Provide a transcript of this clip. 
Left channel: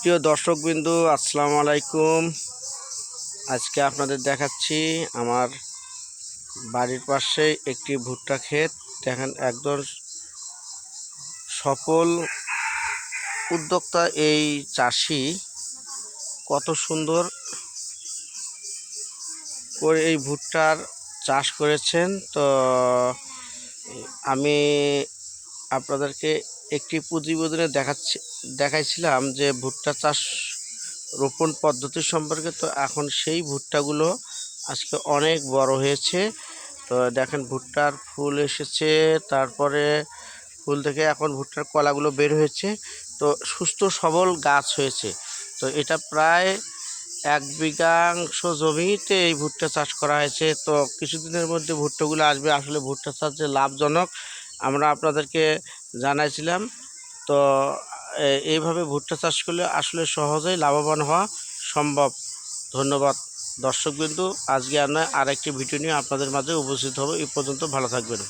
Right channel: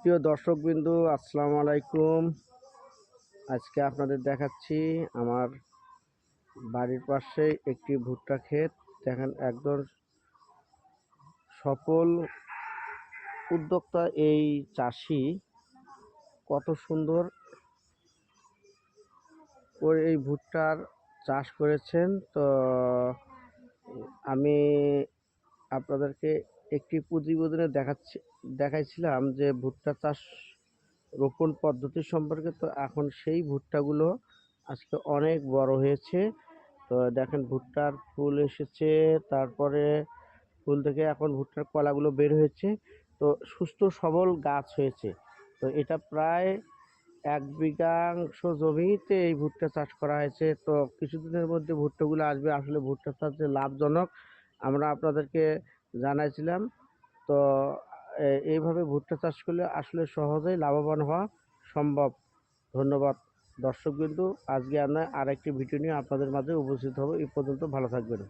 প্রিয় দর্শকবৃন্দু, আসসালামু আলাইকুম। আজকে আপনাদের দেখাচ্ছি আমার বাড়ির পাশে একটি ভুট্টা ক্ষেত। দেখেন, একজন সফল উদ্যোক্তা এই চাষি কত সুন্দর করে এই ভুট্টার চাষ করেছেন। তো আমি আপনাদেরকে একটি প্রতিবেদনে দেখাইছিলাম যে ভুট্টা চাষ রোপণ পদ্ধতি সম্পর্কে। তো এখন সেই ভুট্টাগুলো আজকে অনেক বড় হয়েছে। তো দেখেন, ভুট্টার ফুল এসেছে, তারপরে ফুল থেকে এখন ভুট্টার কলাগুলো বের হয়েছে। তো সুস্থ সবল গাছ হয়েছে। তো এটা প্রায় 1 বিঘাংশ জমিতে এই ভুট্টা চাষ করা হয়েছে। তো কিছুদিনের মধ্যে ভুট্টাগুলো আসবে। আসলে ভুট্টা চাষ যে লাভজনক আমরা আপনাদেরকে জানাইছিলাম। তো এইভাবে ভুট্টা চাষ করলে আসলে সহজেই লাভবান হওয়া সম্ভব। ধন্যবাদ দর্শকবৃন্দু। আজকে আমরা আরেকটি ভিডিও নিয়ে আপনাদের মাঝে উপস্থিত হব। এই পর্যন্ত ভালো থাকবেন।